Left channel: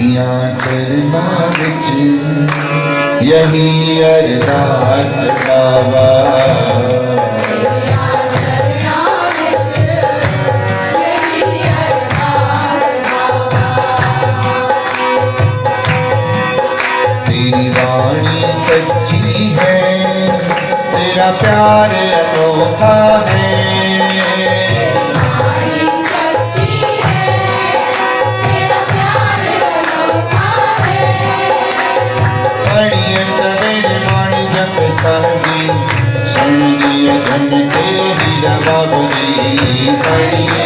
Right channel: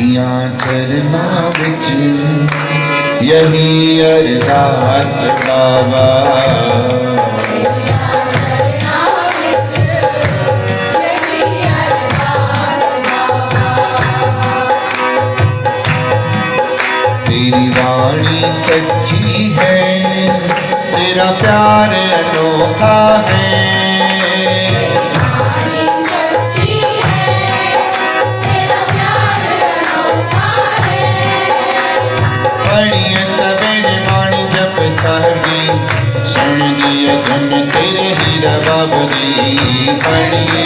तेरियां चरना विच यही अरदास बाबा। तेरी वाणी सच्ची है, तेरा प्यार अनोखा है। पढ़िए सवेरे वाणी जब सहरी, सुन दिए धन तेरे हीरा बाबरी। पढ़िए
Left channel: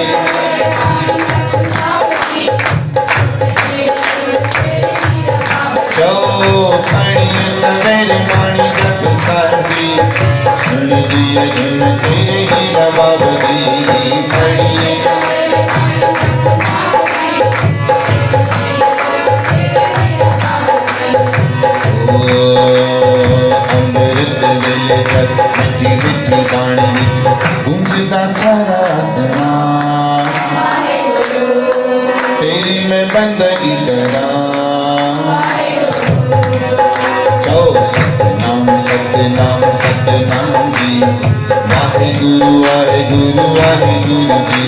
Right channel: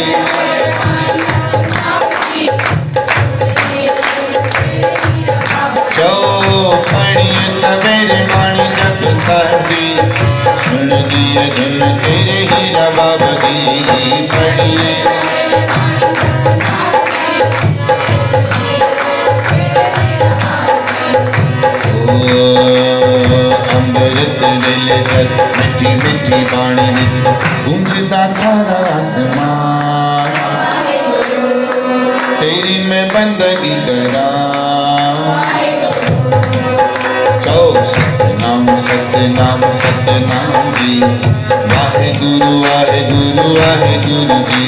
पढ़िए सवेरे वाणी जब सहरी, सुन दिए धन तेरे हीरा बाबरी। पढ़िए अमृत वेले जग मिठी मिठी बाणी विच गूंजदा सारा आसमान। तेरी मैं बंदगी करां, सतनाम सतनाम सतनाम जी। वाहेगुरु वाहेगुरु वाहेगुरु जी।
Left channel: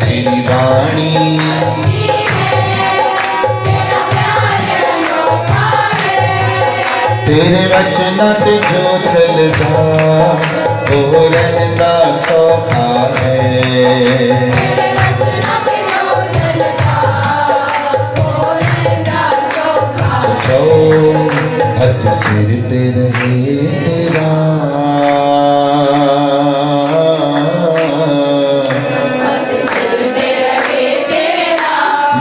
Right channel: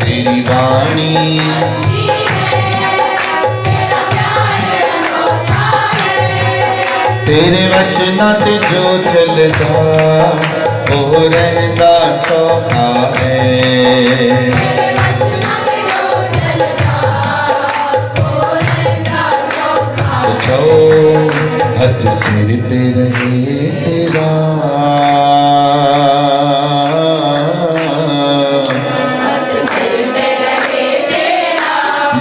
तेरी वाणी तेरे वचना ते जो चलदा ओ रहंदा सौखा है। पूछो हथ सिर पे रहे तेरा,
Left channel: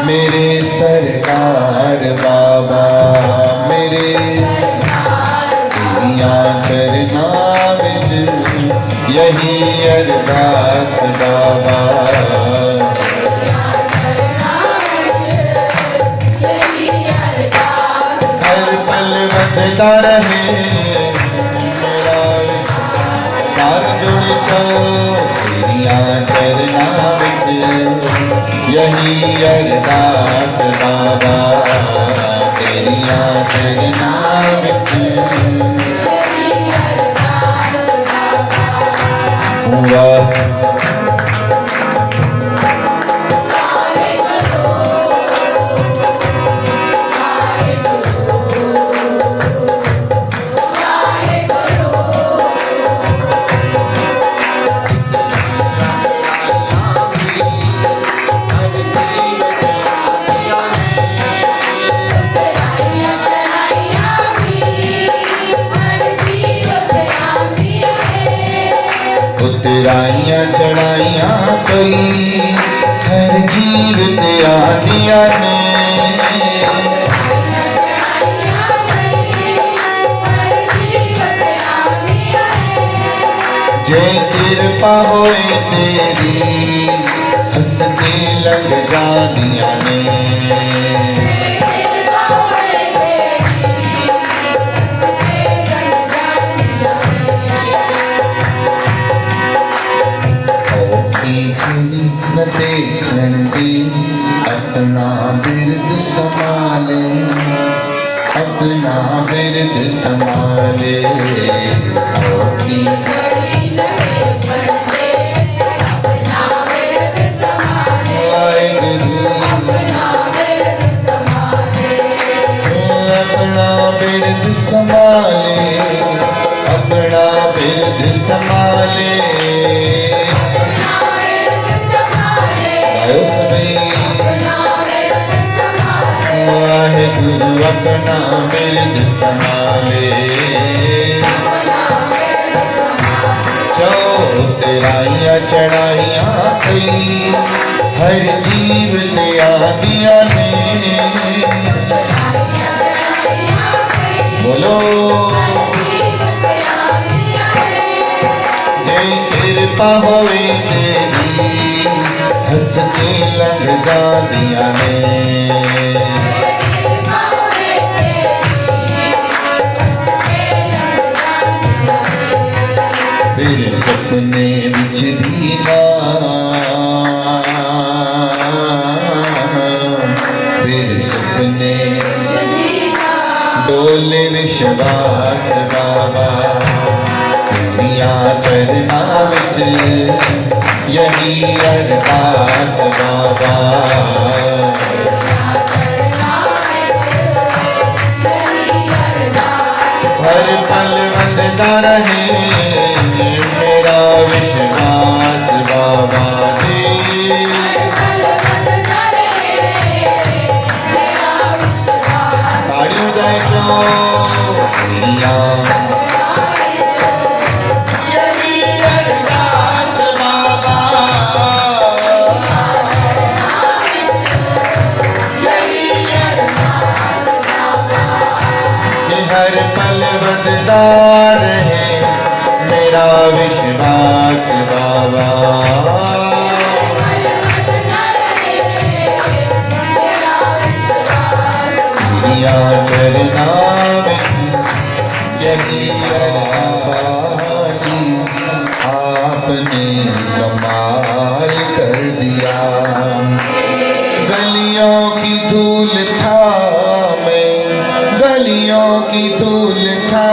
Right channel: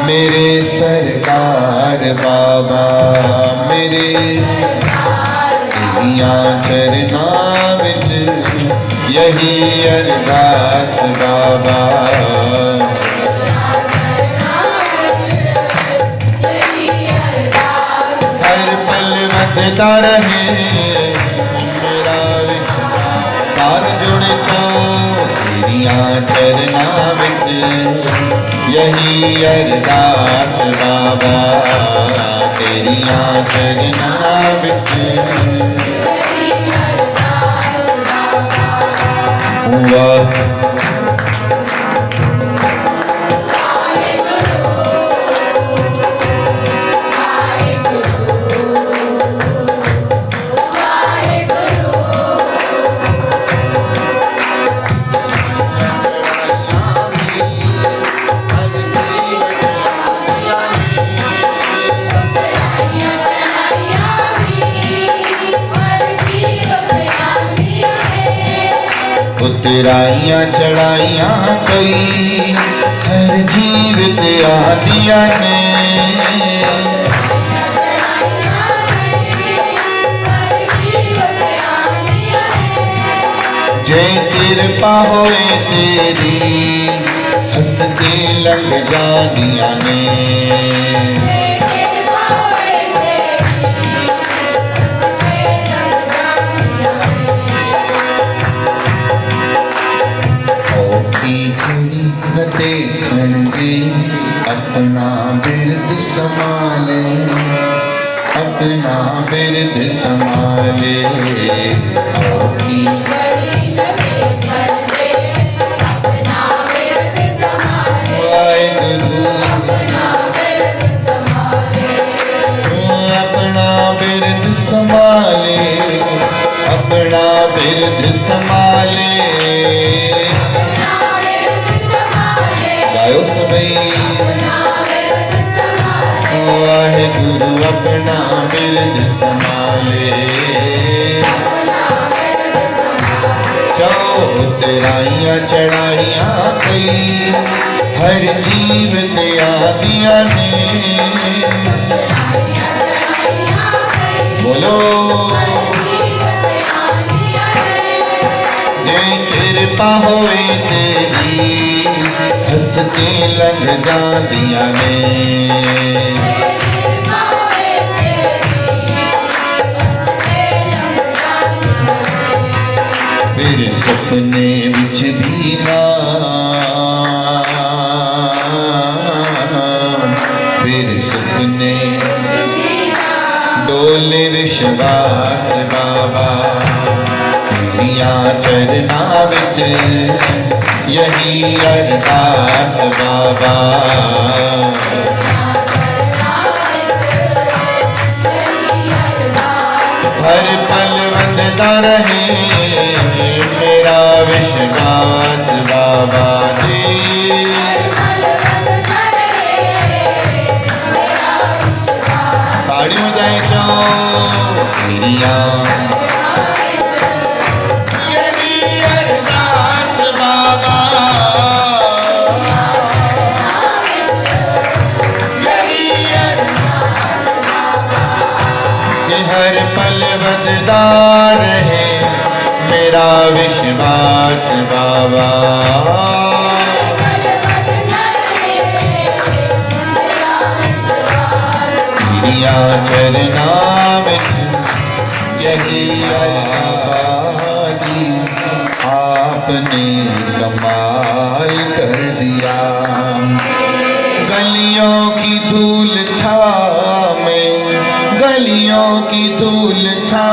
मेरे सरकार बाबा। मेरे तेरियां चरना विच यही अरदास बाबा। हर पल वधदा रहे मेरा तार जुड़ छो। तेरियां चरना विच यही अरदास बाबा। तेरियां चरना विच वाह उतराइयां चढ़ाइयां कई हर जीव ते आदियां ने। जय कृपा होए तेरी हंसते लग जादियां ने। खड़ी न देखण दी अपना बिरद संभाले, अपना बिरद संभाले। औकी वाहेगुरु अपना बिरद संभाले, अपना बिरद संभाले। वाहेगुरु अपना बिरद संभाले। उतराइयां चढ़ाइयां कई हर जीव ने आदियां ने। बोलो जय कृपा होए तेरी हंस के लग जादियां ने। सपने विच भी ना फिर सपने डोले विश्वास बाबा तेरिया चरना विच यही अरदास बाबा हर पल वंदता रहे मेरा विश्वास बाबा जी ताड़ियों जाए चो तेरिया हर पल बददार है मेरा विश्वास बाबा तेरिया चरना विच यही जी आपने कमाल कर दिया गलियों की धूल था गलियों की धूल था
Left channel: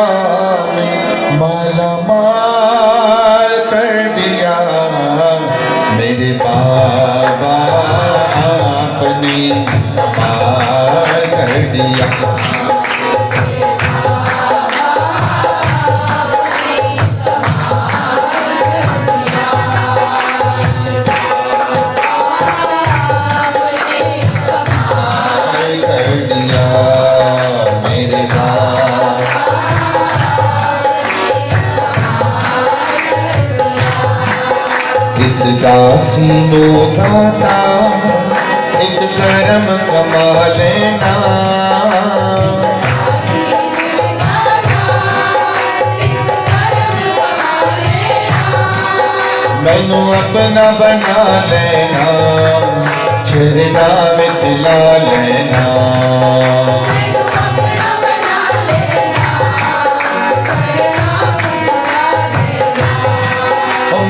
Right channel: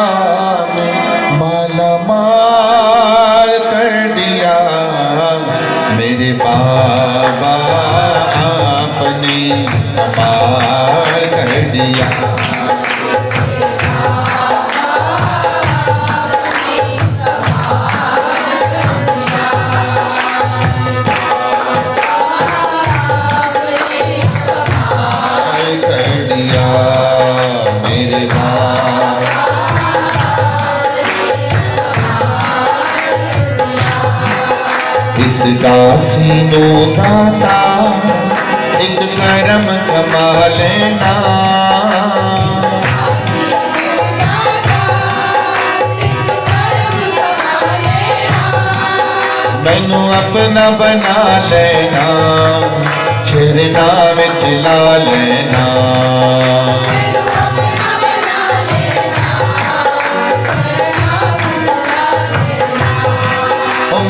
माला माल कर दिया मेरे बाबा आपने कमाल कर दिया इस दासीनो दाता एक करम कमा लेना मैनू अपना बना लेना चरना विच ला लेना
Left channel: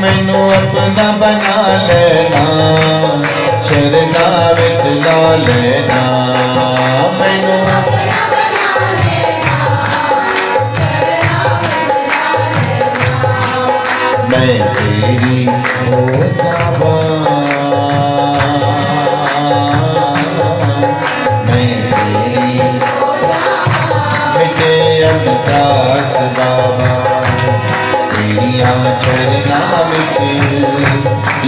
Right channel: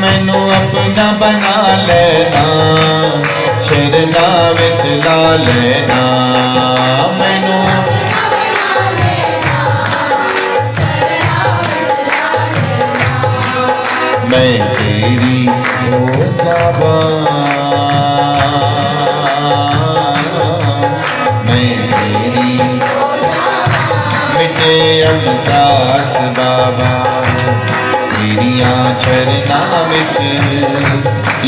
मैनू अपना बना लेना चरना विच ला लेना मैनू मैं तेरी हो जावा मैं तेरी मिटे अरदास बाबा तेरिया चरना विच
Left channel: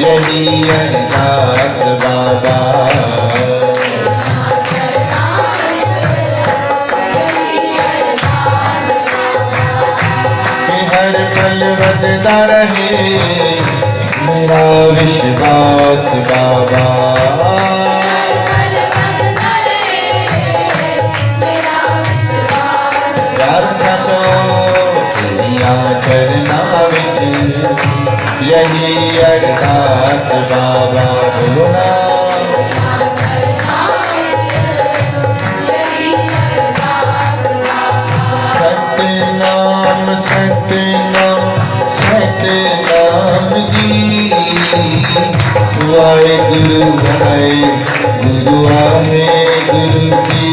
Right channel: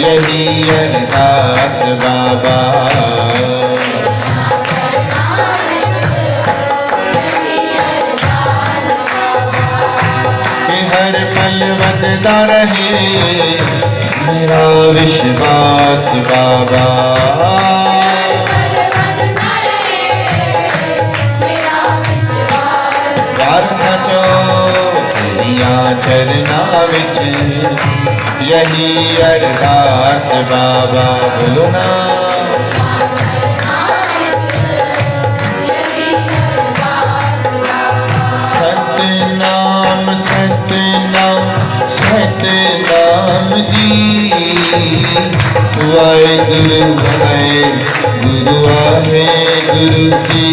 यही अरदास बाबा हर पल बददा रहे मेरा विश्वास बाबा प्यार सचो तेरिया चरना विच यही अरदास बाबा बोलो ना सतनाम सतनाम सतनाम जी वाहेगुरु वाहेगुरु वाहेगुरु की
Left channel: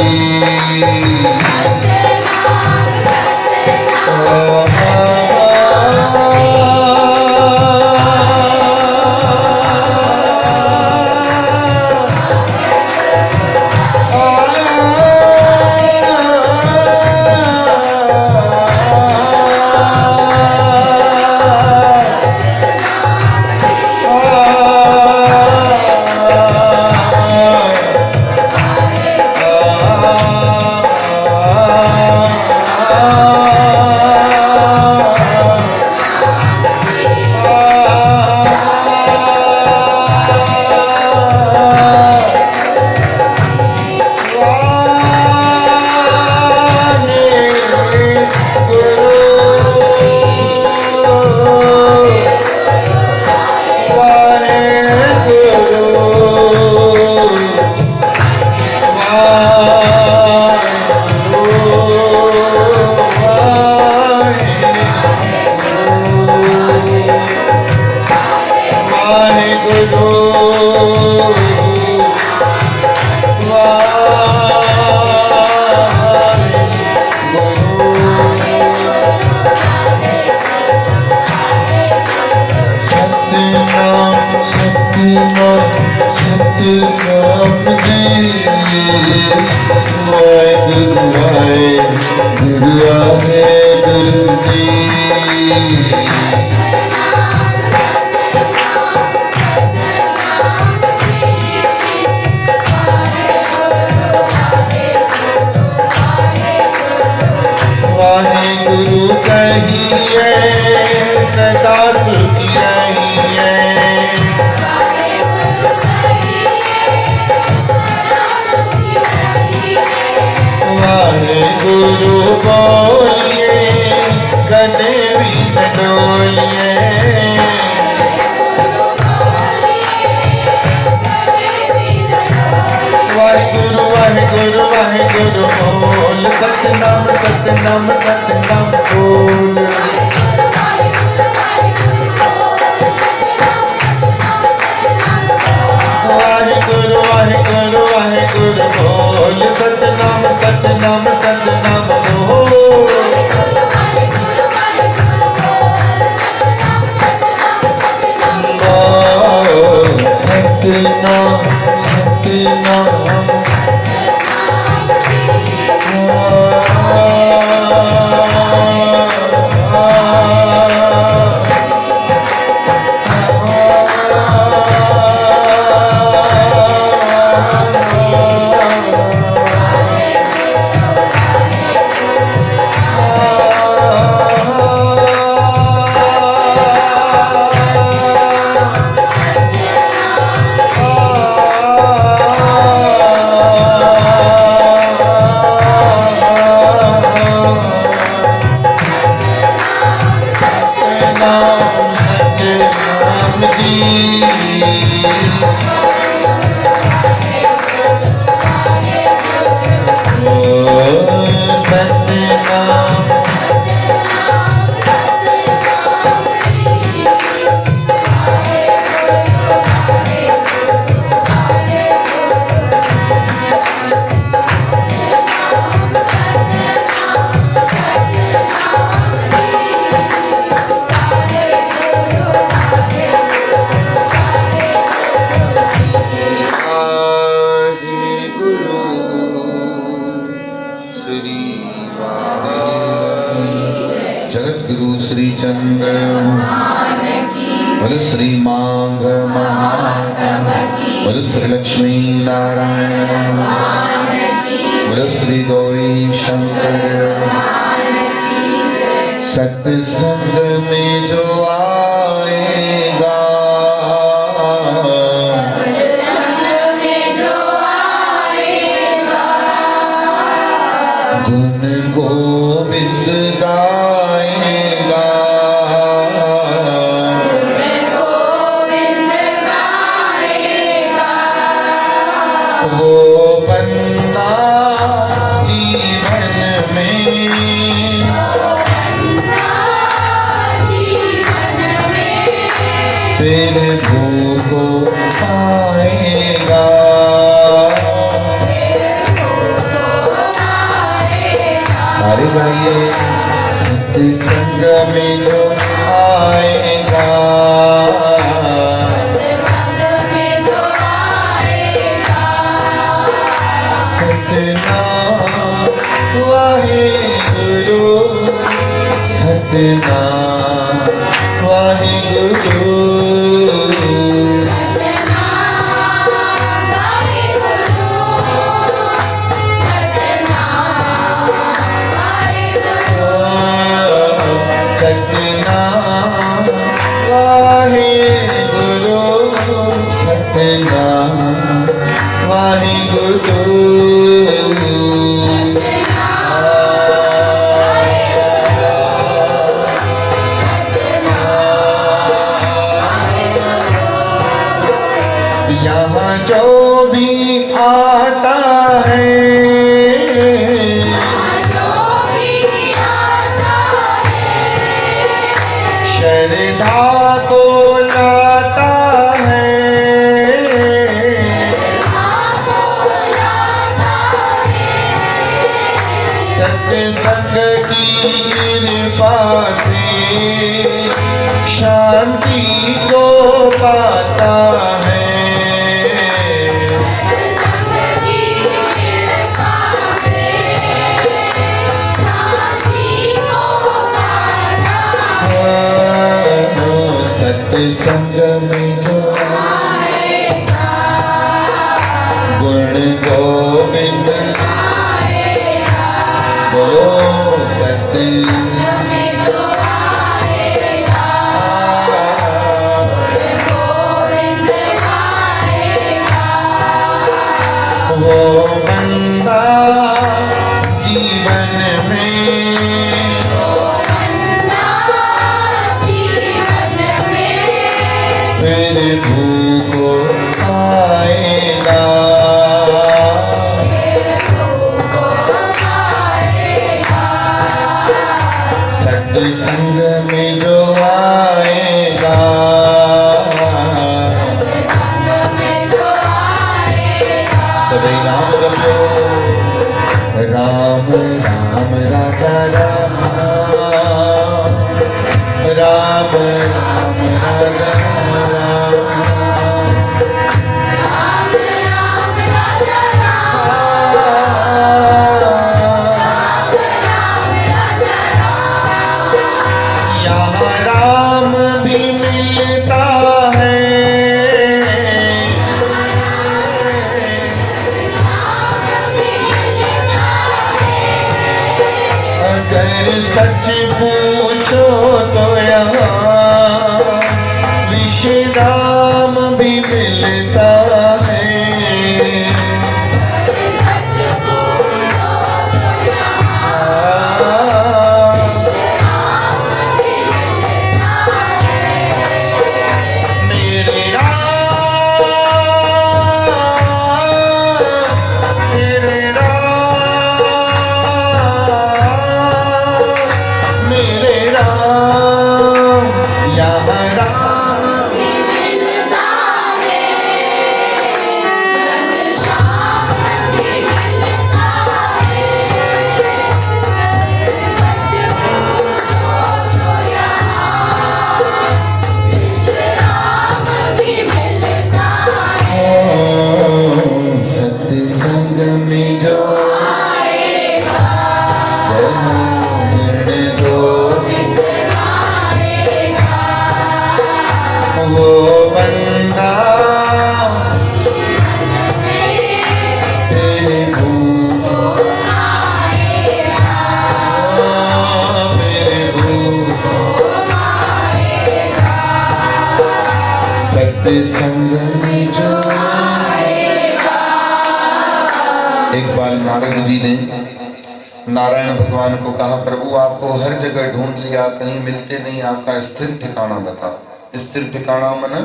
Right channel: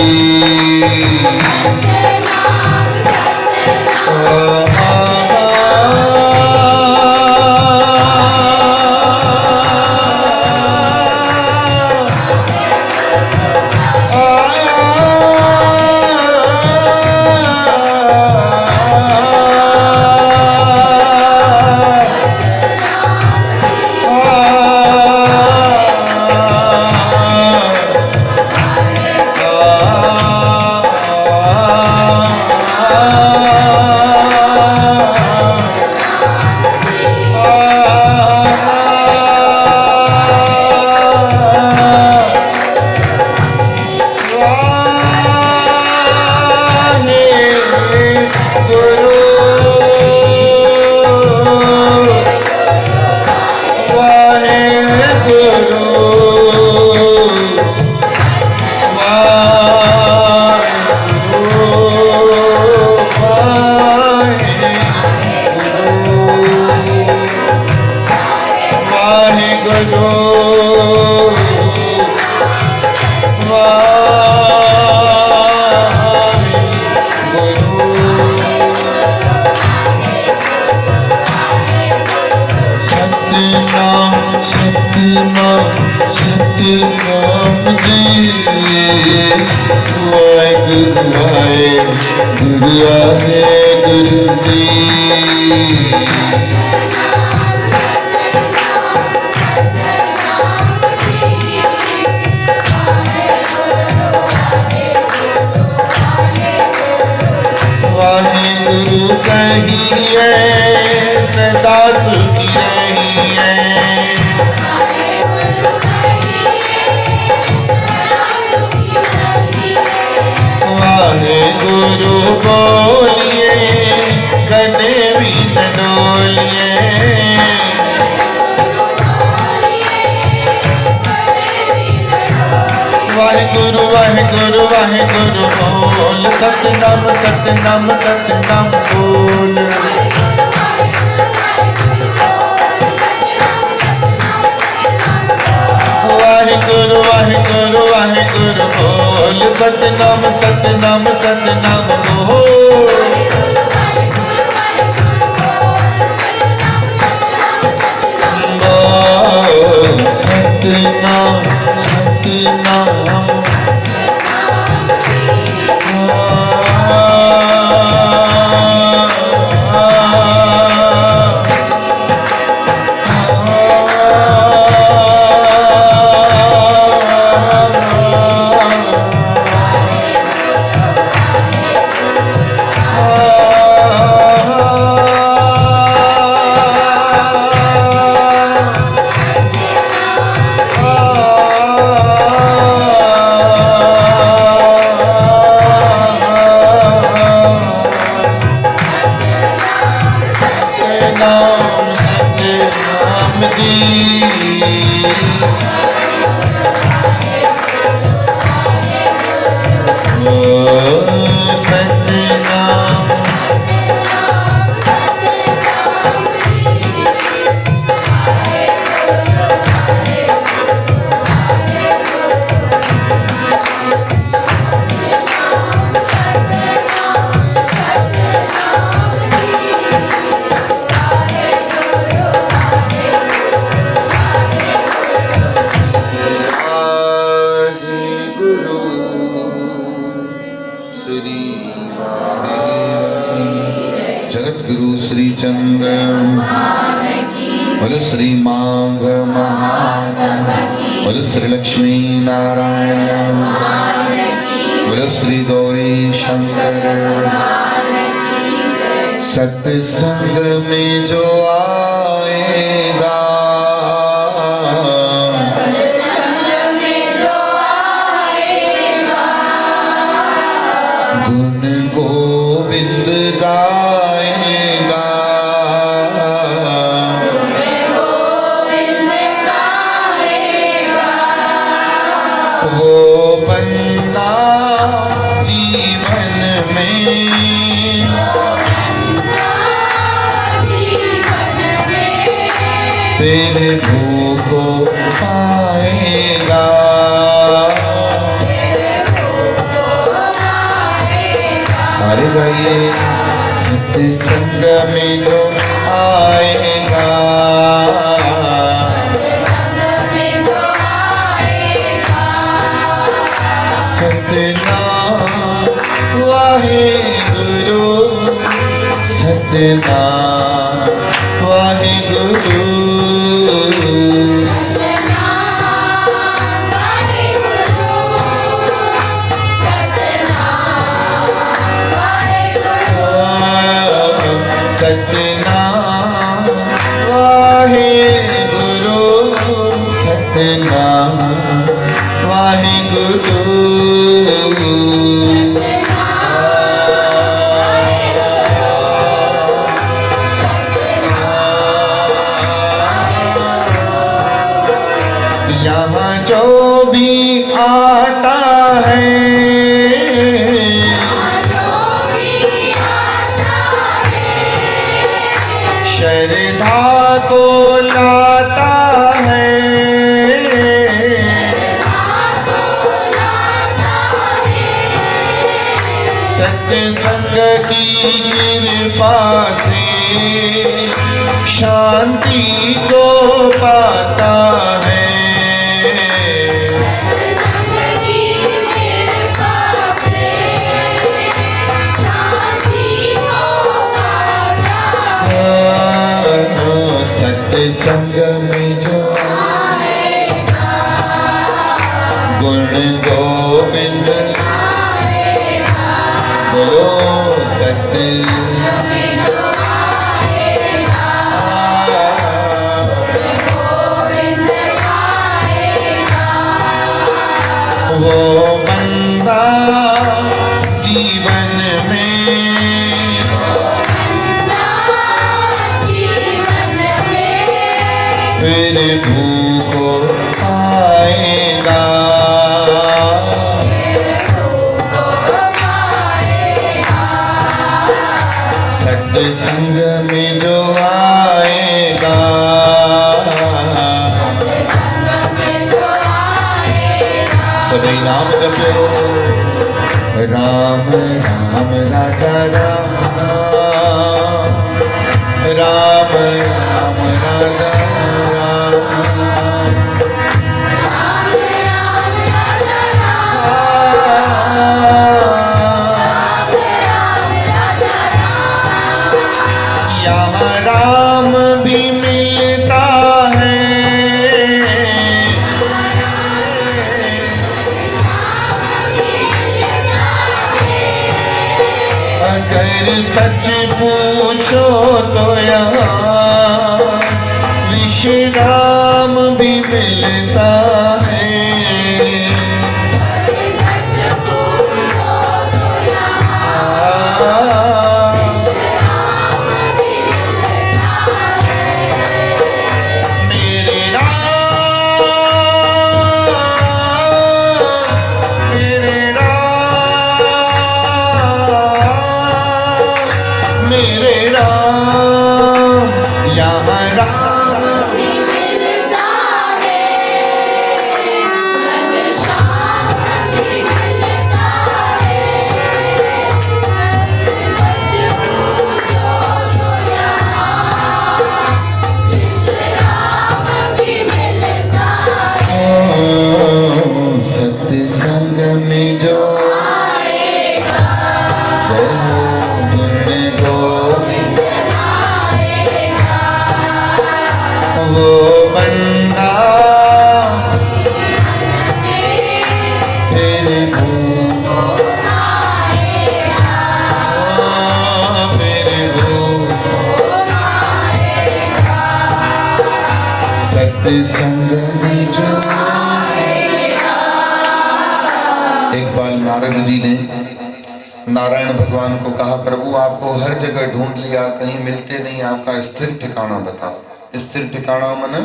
सतनाम जी वाहिगुरु वाहिगुरु वाहिगुरु जी। वाहिगुरु कहिए सदा सुखी रहिए। वाहिगुरु बोलिए कदे भी न डोलिए। वाहिगुरु वाहिगुरु वाहिगुरु बोल सतनाम सतनाम सतनाम बोल। वाहिगुरु वाहिगुरु वाहिगुरु बोल सतनाम सतनाम सतनाम बोल। सतनाम सतनाम जगतगुरु श्री चंद्र बोलो श्री माघ महान बोलो श्री लक्ष्मी नारायण बोलो श्री गौरी शंकर। सत्संग में जो आएगा गुण गोविंद गाएगा। वो बंदा जीवन में तेरे भोगो पाएगा। सारे भाई सत्संग में जो आएगा सतनाम वाहिगुरु सतनाम वाहिगुरु। सतनाम वाहिगुरु सतनाम वाहिगुरु। यहाँ जो भी आता है श्रद्धा को लाता है। सत्संग की कृपा से शांति को पाता है। बोलो सत्य वो बंदा जीवन में फिर भूखो पाएगा, सत्संग में जो आएगा, सभी नाम जपो, राम राम राजा राम राम राम राजा राम भी मिलता है, अगर सच पूछो तो यहाँ विश्राम भी मिलता है, संग में जो एक बार नारद जी ने नारायण भगवान को कहा, प्रभु आपको हर जगह ढूंढ लिया, कहीं मिलते नहीं, आपका स्थिर ठिकाना बताओ। स्थिर ठिकाना माने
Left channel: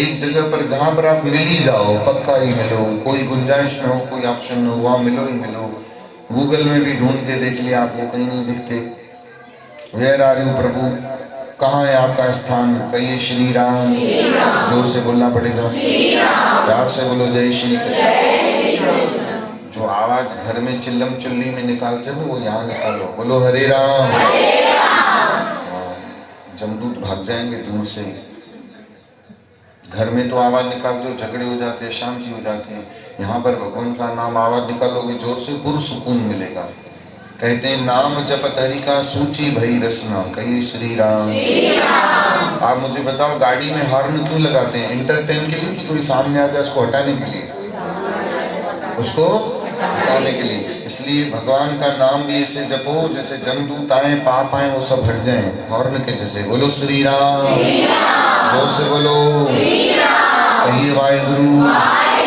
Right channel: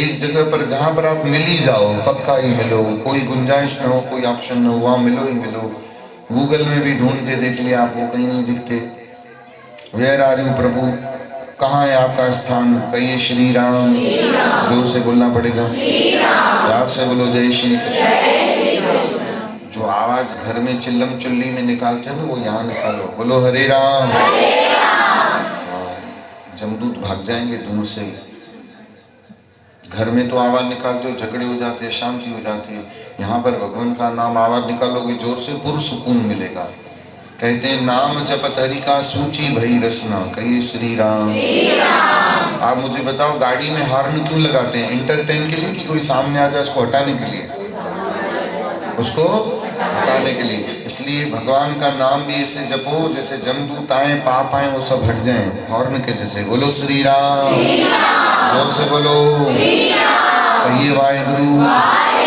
एक जगह पर जहां पर आप मिल ही जाओ, पक्का ही मिलो, कोई गुंजाइश न हो, कोई ऑप्शन न हो, वहां मिलो ही मिलो। गूगल में भी ढूंढ के देख लिया, आपको कहीं नहीं दिखते। वेयर आर यू प्रभु, कहाँ है आपका स्थान? कहिए श्री राम। जोर से बोलना पड़ेगा, प्यार से बोलो जय श्री कृष्ण। जो आवाज घर में चिल्लम चुल्ली में निकालते हो ना, वो यहाँ निकालो, बोलो हरे राम। जमदूत भाग जाएंगे दूर से। घर में तो आवाज निकालते हो, झगड़े हो जाते हैं, शांति हो जाती है। यहाँ पर भगवान का नाम आवाज निकालोगे जोर से, पुरसुकून मिलेगा। कहते हैं नाम जपत हरि का सूची भई रसना। कहिए श्री राम। आप मुझे बताओ, गाड़ी में हॉर्न क्यों लगाते हैं? एंटरटेन के लिए कि कोई सामने आ जाए उसको हटाने के लिए? उसको हटाने के लिए। इसलिए भगवान का नाम भी ऐसे जपो जैसे जमदूत आए, पाप आए, वो सब हट जाएं, हॉर्न के जैसे। बोलो श्री राम, जोर से बोलो। कहिए वाहेगुरु,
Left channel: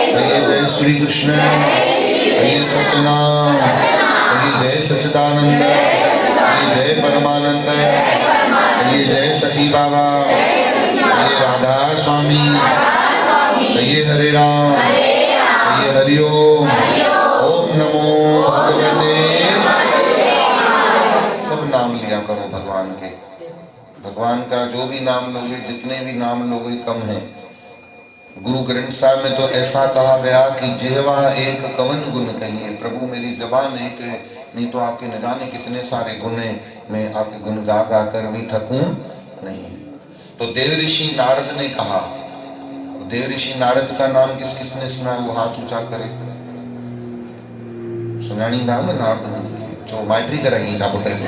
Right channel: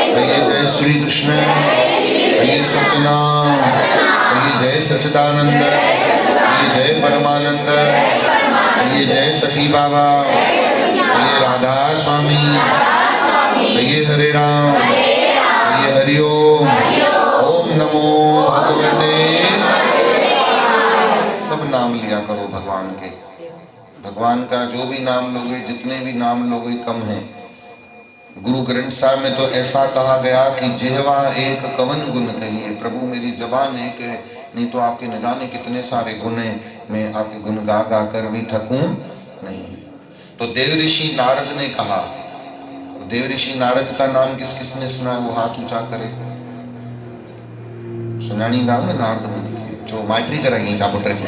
कहिए जय श्री कृष्ण, कहिए सत्यनाम, कहिए जय सच्चिदानंद, कहिए जय परमानंद, कहिए जय सखी बाबा, कहिए राधा स्वामी, कहिए हरे राम, कहिए हरि ओम। ओम नमो भगवते। सब नाम लिया करो भगवान के। भगवान का जो भी नाम लोगे, जितने भी नाम लोगे कम है। गुरु ग्रंथ साहब में तो ऐसा कहा गया कि जिह्वा एक कवन गुण कहिए। प्रभु मेरी जबान एक है, नहीं तो आपके न जाने कितने सारे गुण हैं, मैं आपके गुण गा गा कर भी थकूं नहीं। तो देव ऋषि नारद ने कहा, देव ऋषि नारद का नाम किस किस ने सुना है? वो हाथ ऊंचा करे। सुनानी नाम है नारद, जो माइट्री करेंगे चापो करके।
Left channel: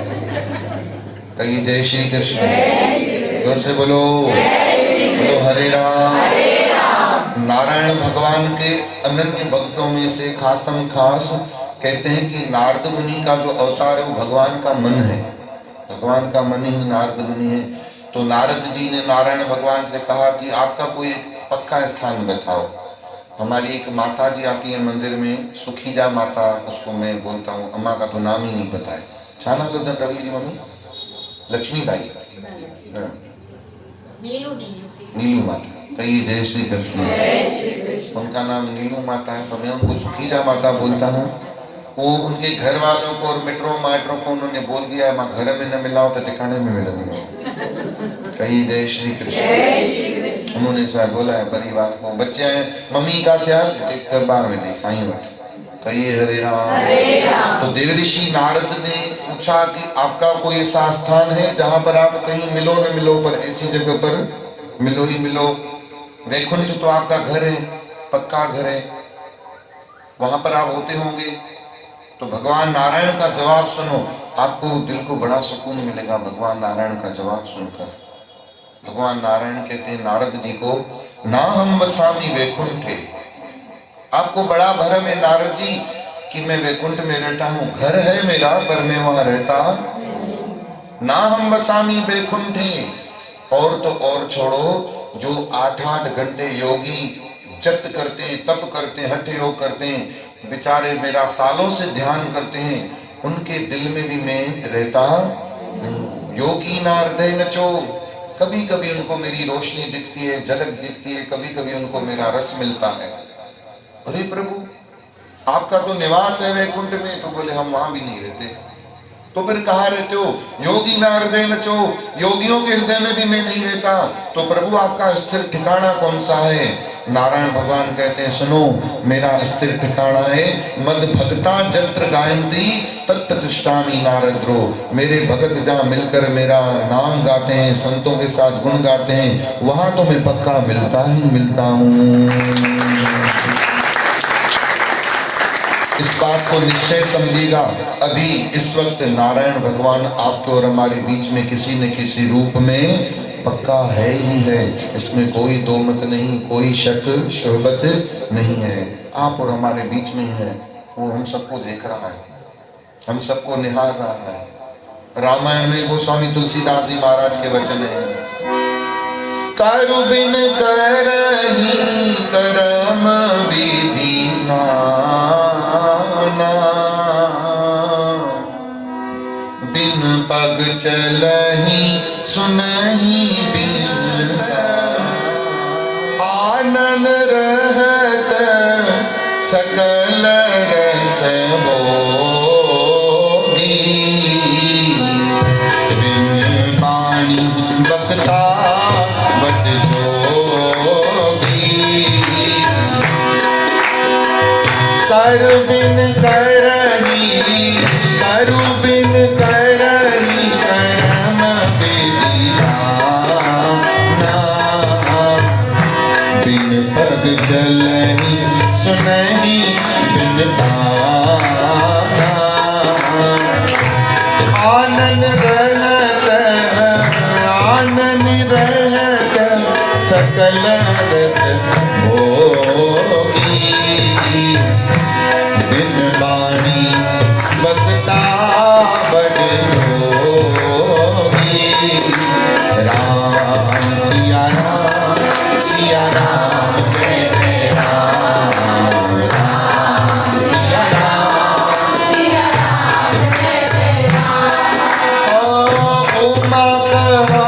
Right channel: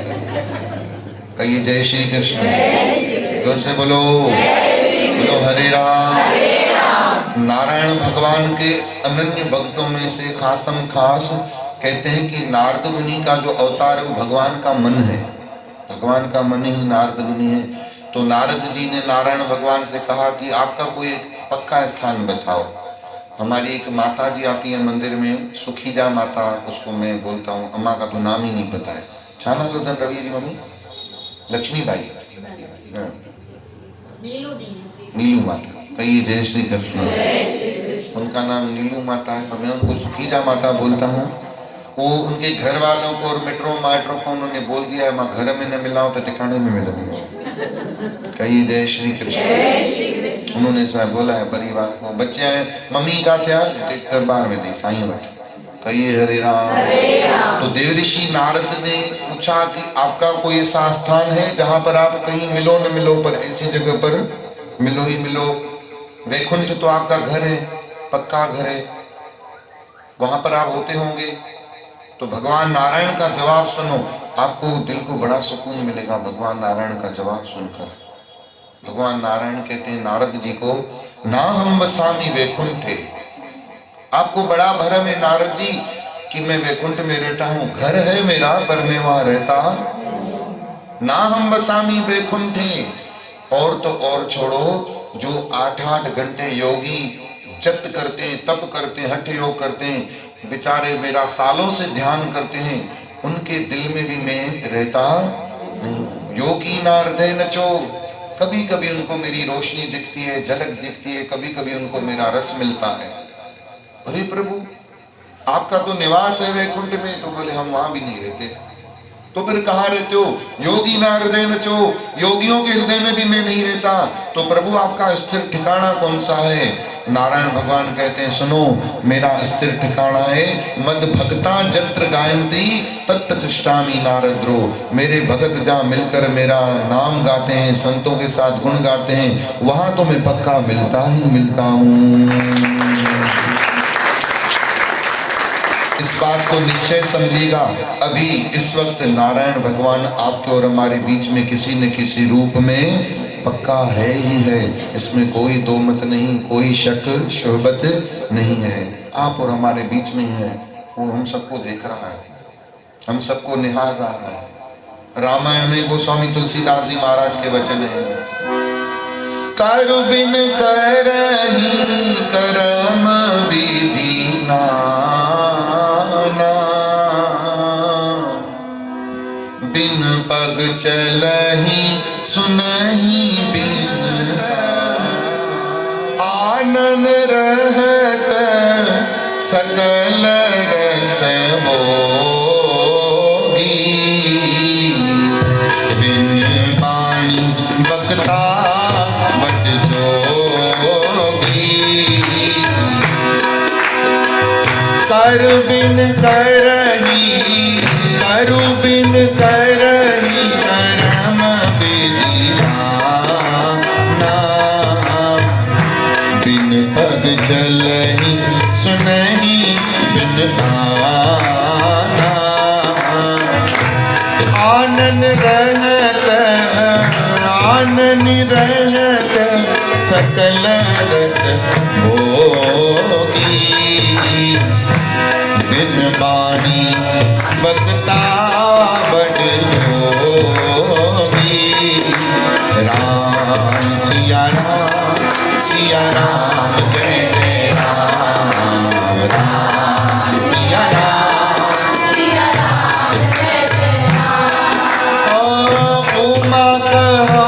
कहिए जय श्री कृष्ण, जोर से बोलो, बोलो हरे राम। नारायण भगवान के अनन्य भक्तों में से खासम खास कहते हैं कि नारद मुनि का जो अवतार है वो भगवान का मन है, भगवान का मन ही नारद मुनि है। तो नारद जी ने नारायण भगवान से कहा कि आपका कोई पक्का स्थान बताओ। हमारी एक माता जी आती है मंदिर में, सुखीजा माता उसको मैं बोलता हूँ, अम्मा का तो नाम ही नहीं पता है। छाना लोधन रवि जी मम्मी लक्ष्मीबाई, नीलू माता, कई जय श्री कृष्ण, उनका नाम नीलू माता है, तो मैं उनको सुखीजा माता बोलता हूँ। वो उनके घर वालों को और मेट्रो माइट्रो को उन्होंने बोल दिया है, मैं घर में न मिलाऊं तो ठिकाने में मिलूंगा। कई जय श्री कृष्ण, उन्होंने ऐसा बोला है परिवार को। बच्चे हैं मम्मी का क्या दरबार में थे साईं वट, कई हरे राम। तो देवऋषि नारद ने पूछा कि आपका कोई ऐसा स्थान है जहां पर आप कहीं मिलो न मिलो पर ऐसी जगह पर मिलो ही मिलो। वैकुंठ तो आपका घर है, पक्का घर है, वहां पर आप होते होंगे। तो भगवान नारायण का जवाब सुनो, आपको दिल को बड़ा सुकून मिलेगा भगवान नारायण का जवाब सुनकर। भगवान नारायण कहते हैं नारद जी को, ना हम बसामी वैकुंठे, आपको बड़ा भरम है नारद जी कि मैं वैकुंठ में रहता हूँ, घर है मेरा पर मैं वहां रहता। ना हम बसामी वैकुंठे, और तो और छोड़ो, जो 8-8 घंटे योगी जप करते हैं, तप करते हैं, हठ योग करते हैं, बेचारे मेरा सालों से ध्यान करते हैं, उनके दिल में भी मैं रहता हूं। योगी ना हृदय नचो, कभी कभी उनको मेरी रोशनी दिखती है, झलक दिखती है, कभी कभी उनको मेरा रस मिलता है। अरे प्रभु आपका तो निवास है वैकुंठ में, तो बोले हम वहां भी नहीं रहते। तो फिर कहाँ रहते हो? योगी ना हृदय नचो, योगियों के हृदय में भी मैं नहीं रहता। तो प्रभु आपका स्थिर ठिकाना कौन सा है? नारायण भगवान कहते हैं सुनो, मेरा स्थिर ठिकाना है मद भक्ता जंत्र गायंत्री तत्तिष्ठामि नारद्रो। मेरे भगत जहाँ मिलकर मेरा नाम गाते हैं, संतों के साथ गुण गाते हैं, वहां तो मैं पक्का मिलता ही मिलता हूँ। इस बात को निश्चय समझिएगा। अभी इस वक्त नारायण भगवान आपके और हमारे बीच में किसी न किसी रूप में पक्का है ही है, इसमें कोई दो मत नहीं, कोई शक शोभत नहीं है। आप और हमारे बीच में है, वो हम सबको देख रहा है, हम सबको निहार रहा है। रामायण में गोस्वामी तुलसीदास जी महाराज के वचन है, करु बिन करही करम विधि नाना, बिन पग चलही सुनही बिन आनन रहत सकल रस भोगी, बिन बाणी बकता बक जोगी, कर बिन करही करु बिन करही करम विधि नाना, बिन पग चलही सुनही बिन ताना, आनन रहत सकल रस भोगी, बिन बानी बकता बड़ जोगी। राम सिया राम सिया राम जय जय राम, राम सिया राम जय जय राम। ओ उमा कहो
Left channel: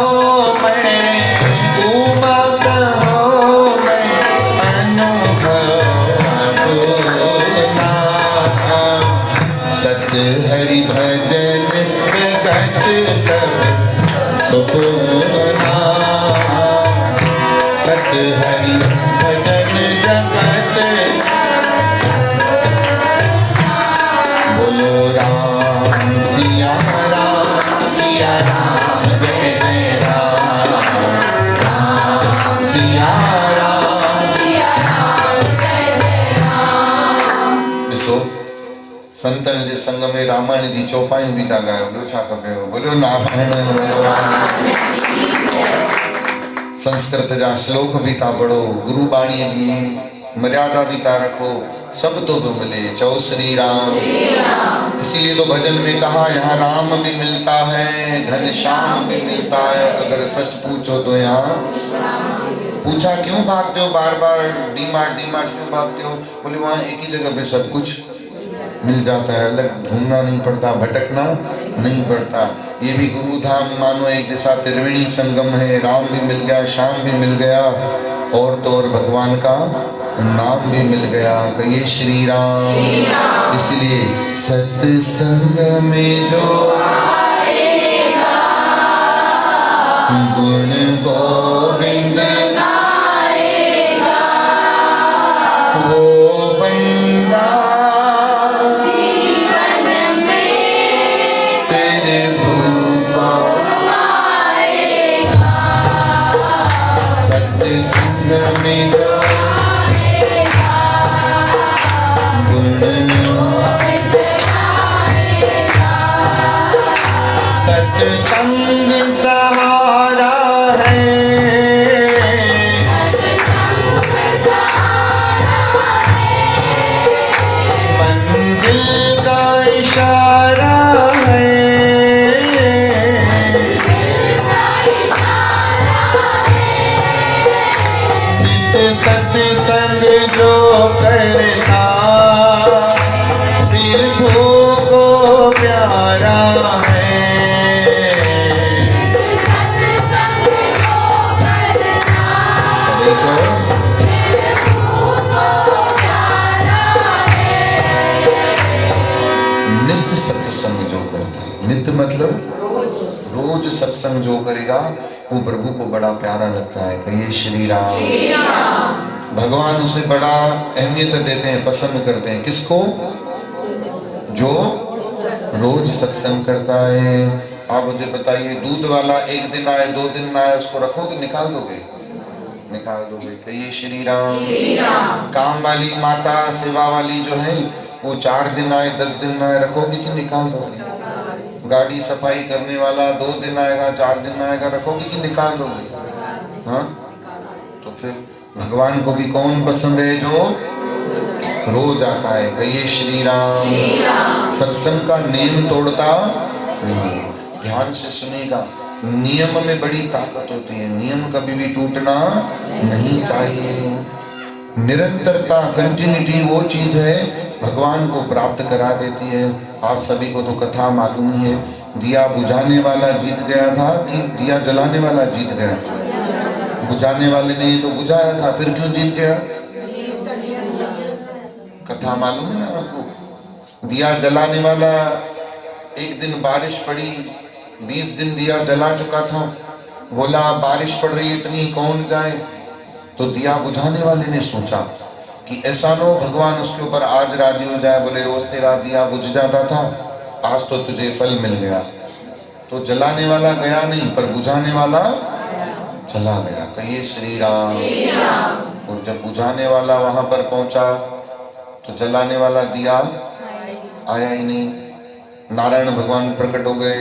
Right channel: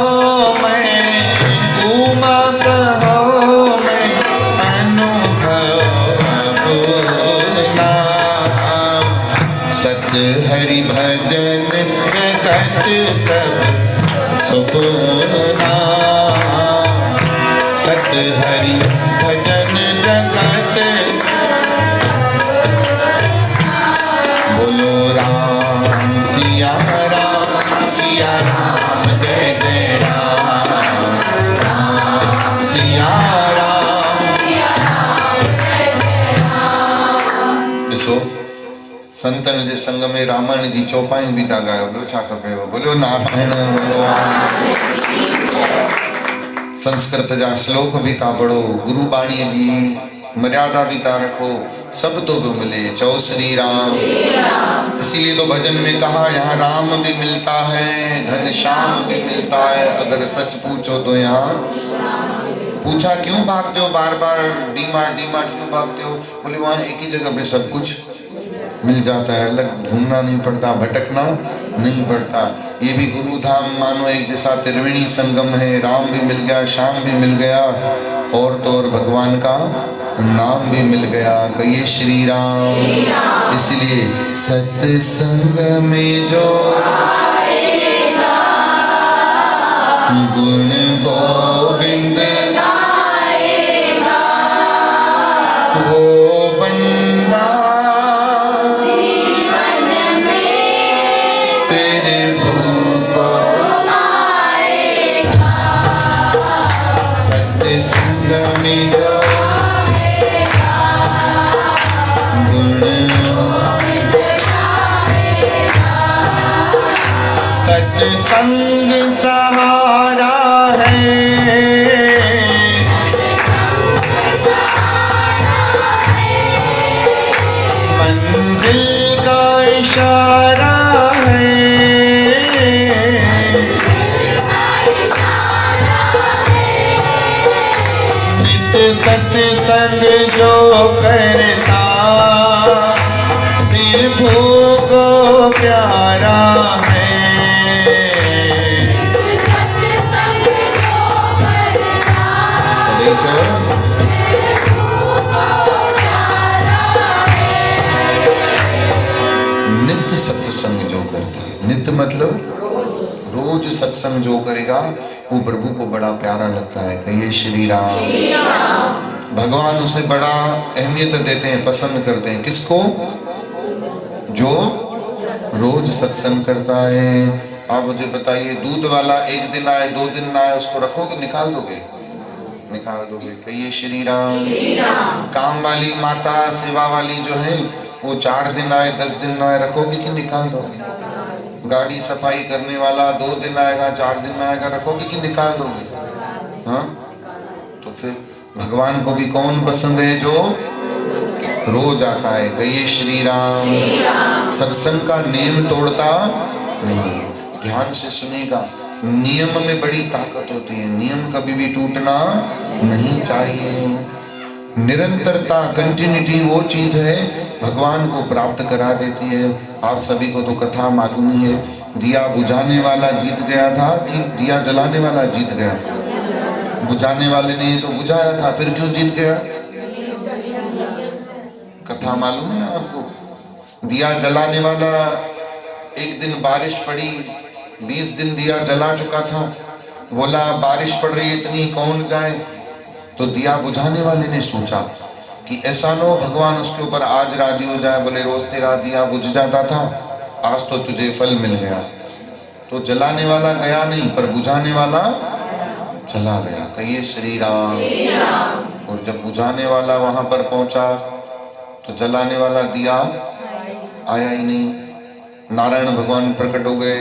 हरि भजन जगत सब सुपना, सत हरि भजन जगत, बोलो राम सिया राम जय जय राम, राम सिया राम जय जय राम। ॾिसो संतन जे संग में रामायण जी चौपाई भी था गायो, ॿियो छा खपेव? बोलो नारायण भगवान। संस्कृत जा श्लोक भी था पढ़ो, गुरु बाणी जी मर्यादा भी था रखो, सब तो मिले, चौ श्री राम। इसीलिए तो भजन में कहा यहाँ राम भी मिलता है, घनश्याम भी मिलता है, अगर सच पूछो तो यहाँ। पूछा क्यों भागते हो बार बार, डीमार्ट डीमार्ट क्यों भागते हो? बोले वहाँ एक ही जगह पे सब कुछ मिल जाता है, अलग घूमना नहीं पड़ता, भटकना नहीं पड़ता। ये भी गुरु धाम मानो एक जैसा त्रिवेणी संगम है, राम भी मिल गया, श्याम भी मिल गया, और तो और भगवान का नाम भी मिल गया। कहिए श्री राम। इसलिए सत्संग में जो गुण गोविंद वो बंदा जीवन में तेरे भूखो आएगा। सत्संग में जो सत्संग सहारा है, मंजिल का इशारा है। नित्य सत्संग जो करता प्रभु को प्यारा है। नित्य सत्संग जो करता, नित्य मतलब रोज सत्संग जो करेगा वो प्रभु को बड़ा प्यारा लगता है। कहिए श्री राम। भगवान उसे बड़ा अहमियत देते हैं, पसंद करते हैं। किसको? जो रोज सत्संग करता है। आप मुझे बताइए, दूध वाला एक दिन आए, 2 दिन ना आए, उसको रखोगे, निकाल दोगे? निकाल दोगे। कहिए श्री राम। काम वाली माता, सेवा वाली जो है, वो 4 दिन आए, 10 दिन आए, रखोगे कि निकाल दोगे? गाड़ी सफाई करने वाला 2 दिन आएगा, 4 दिन आएगा, रखोगे कि निकाल दोगे? हाँ, तो फिर भगवान को भी कौन पसंद है? जो रोज आता है। कहिए श्री राम। सत्संग का नियम तोड़ता नहीं। ध्यान से सुनेगा, नियम में बड़ी ताकत होती है, नियम कभी भी टूटना नहीं चाहिए। निरंतरता, कंटिन्यूटी वो चीज है भगवान को प्राप्त करा देती है। आप सभी को तो कथा मालूम ही है, दिया बुझाने वाला जीत गया था कि दिया जलाने वाला जीत गया? बुझाने वाले ने तो बुझाया था, फिर क्यों जीत गया? कथा मालूम है ना आपको? दिया जलाने वाला, एक दिन बारिश पड़ी, 20 दिन दिया जला चुका था, बोला बारिश पड़ रही इतनी, कौन जाए? तो दिया बुझाने वाले ने सोचा कि ऐसा नो भगवान उसके ऊपर आज राजी हो जाए, बोले रोज तेरा दिया बुझ जाता था, आज तो तुझे फल मिल गया। तो जलाने वाला गया नहीं, पर बुझाने वाला चला गया। कहिए श्री राम। और जब बुझाने वाला वहां पर पहुंचा तो जलाने वाला दिया आया ही नहीं। नारायण भगवान प्रकट हो गए,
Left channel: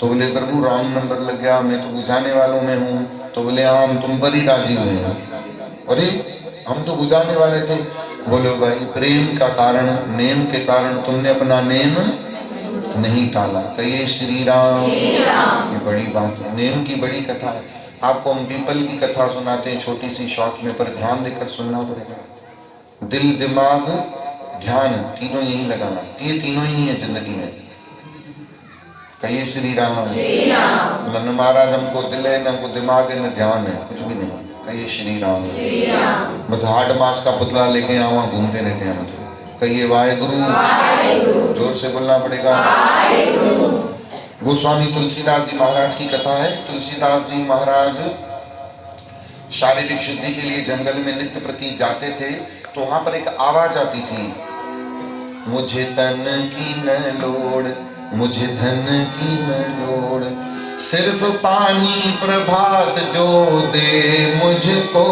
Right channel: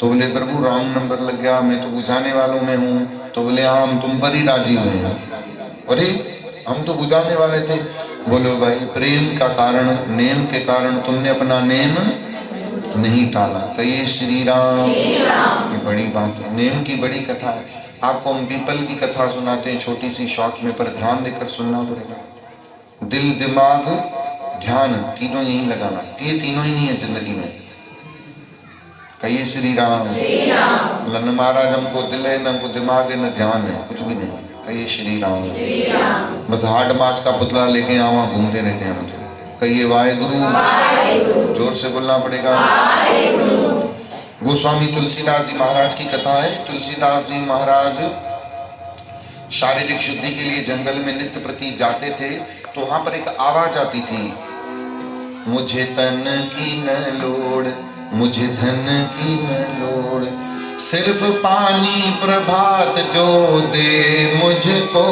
तो बोले प्रभु रॉन्ग नंबर लग गया, मैं तो बुझाने वालों में हूँ। तो बोले हाँ, हम तुम पर ही राजी हुए हैं। अरे हम तो बुझाने वाले थे। बोले भाई, प्रेम का कारण, नेम के कारण तुमने अपना नेम नहीं टाला। कहिए श्री राम। ये बड़ी बात है, नेम की बड़ी कथा है। आपको हम पीपल की कथा सुनाते हैं, छोटी सी शॉर्ट में, पर ध्यान देकर सुनना पड़ेगा। दिल, दिमाग, ध्यान, तीनों यही लगाना। ये तीनों ही नहीं है जिंदगी में। कहिए श्री राम। न महाराज हमको दिल है, न हमको दिमाग है, न ध्यान है, कुछ भी नहीं। कहिए श्री राम। बस हार्ड मास का पुतला लेके यहाँ वहाँ घूमते रहते हैं मुझे। कहिए वाहेगुरु। जोर से बोलना पड़ेगा। गोस्वामी तुलसीदास जी महाराज की कथा है। तुलसीदास जी महाराज शारीरिक शुद्धि के लिए जंगल में नित्य प्रति जाते थे, तो वहां पर एक आवाज आती थी, मुझे तन की न लोड़, मुझे धन की न लोड़, सिर्फ पानी प्रभात जो दे मुझको,